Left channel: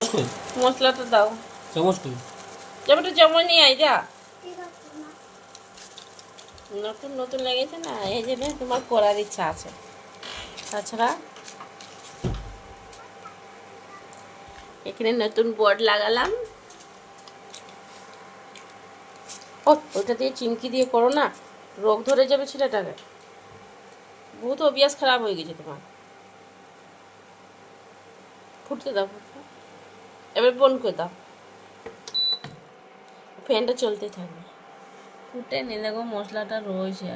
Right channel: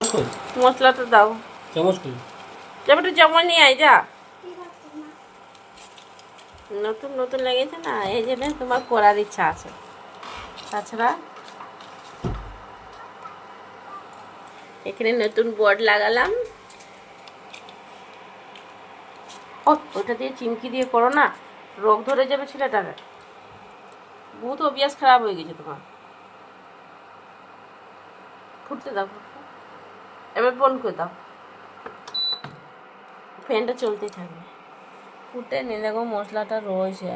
মশলাটা দাও চামচ কই চামচটা চামচ নিয়ে আয় যা নতুন নতুন লেগেছে না এই জন্য তোমার করার ইচ্ছা আছে তাছাড়া এখানে নতুন বোর্ড লাগালাম ও ওটা দিয়ে চিমকি দিয়ে করো না রোগ ধরে যাবে ছেলেটাকে বহুত অভ্যাস খারাপ হয়ে গেছে তোমার ফুটতে দাও ফুটতে এবার বন্ধ করে দাও ফ্যানটা চলতেই থাকবে ফুটে নিয়ে দেখো মশলাটা রয়েছে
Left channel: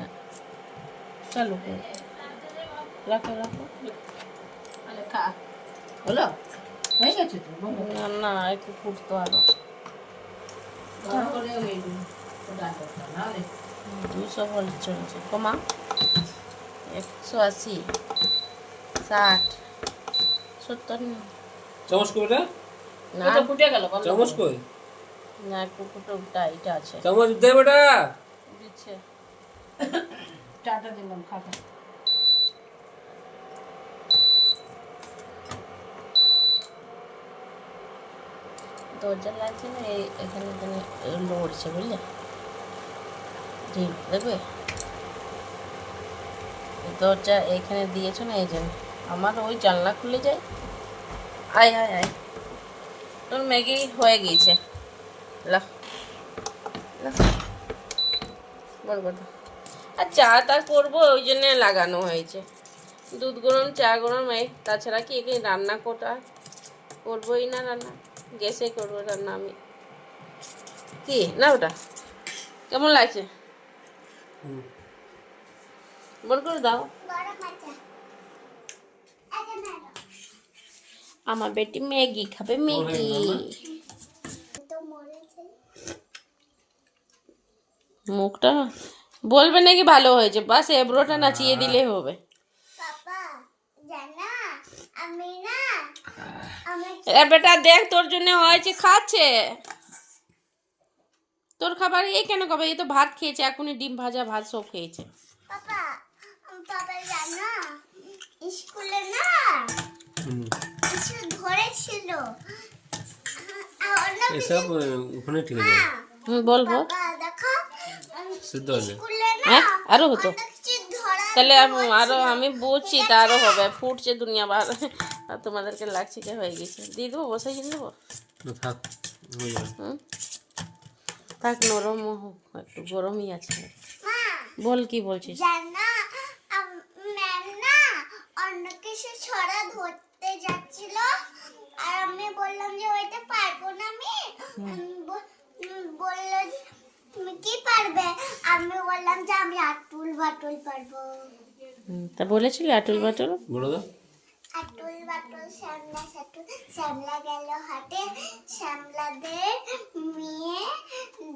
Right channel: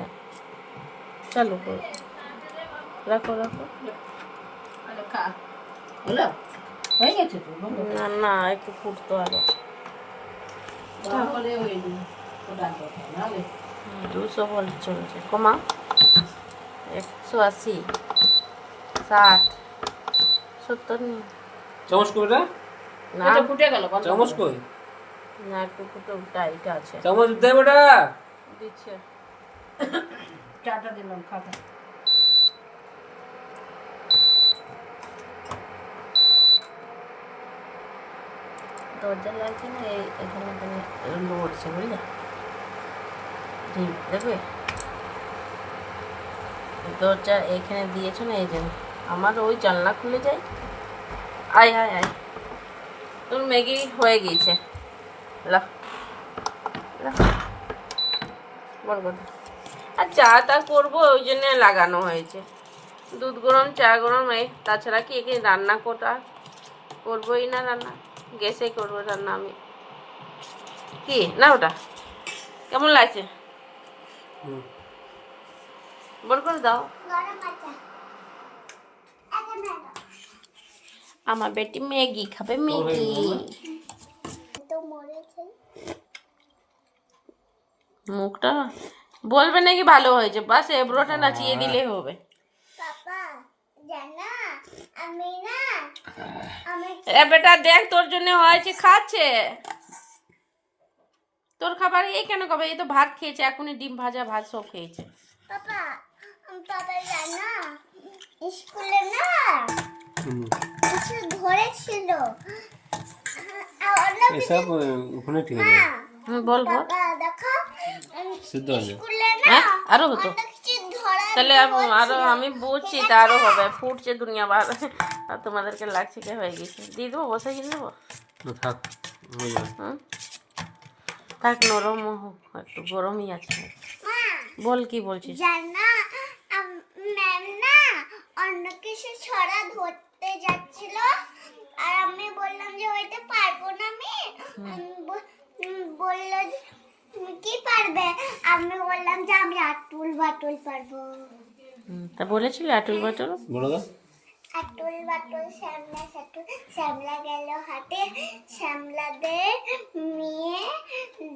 চালু করো রাখো রাখো হলো হয়ে গেছে তো না না একটু ফুটতো আরো 200 ভোল্ট চলছে কমা 180 60 70 নেই চামচ কই এটা না এটা ফুটে গেল চামচ কই না একটু ফুটো টাইট আছে চামচ দে বেটা দিচ্ছে চাটা দিলাম খাতা দরজা লাগছে না এখানে লড়ছে বুঝলে দেখবে দরজা এখানে দিয়েছো না এই জন্য আমার ওই জানলা খুলে যায় আয় আয় আয় তোর ম্যাগি হয়ে গিয়েছে লাহ লাহ বল বল আর চা টা করবো ওই জন্য লাগানো হয়েছে দুধ গরম চা গরম এই তাছাড়া কি এখানে রান্না করবোই না রান্না গ্যাসে করবো রান্না আমি কি না ওটা কেমন লাগছে বল করে দাও আমার বেটি ম্যাগি খাবে ম্যাগি মুখটা বলবে নাকি ভালো হয়েছে বাস এবড়োটা নাচিয়ে দিলে হবে এ বেটা দেখ তোর জন্য হয়েছে খাচ্ছে তোর খাবার এই কেন খাবে এই তো ভাত খেয়েছে এখনই ডিম ভাজা ভাত সব খেয়েছে স্কুলে না ধরেছিল এসব ওখানে ঠিক আছে বল বল দেখো সিদ্ধ হয়ে হ্যাঁ আরো হতো তাহলে আরো আমি বুঝছি তা আরো হবে ফুটছে দুনিয়া বার আর তোমাদেরকে লাগছে কি হয়ে গেছে দিয়ে দেবো বসাই কিনে দেবো থাক হয়ে যাবে হুম থাক নরম হোক একটু গরমই আছে বল কি বলছিস জানা ম্যাম না অন্য কিছু ছড়া ধরতে যাচ্ছিল আর আমি বললাম যে ওইটা পারবো না আমি বললো যে তুমি কি পারবে আমি বললাম যে আমি আটুল বাটুল পারবো তা বলেছিলি আটুল বাটুল বলো তো আটুল বাটুল শ্যামলা সাটুল শ্যামলা গেল হাটে শ্যামলাদের মেয়ে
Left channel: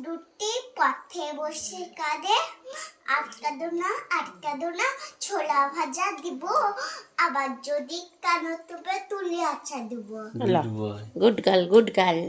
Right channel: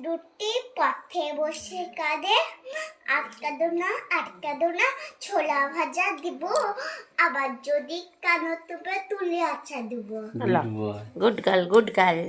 দুটি পথে বসে কাঁদে আটকা দো না ছোলা ভাজা দিব আবার যদি কানো তুবে তুলে আচ্ছা দিব গুড গার্ল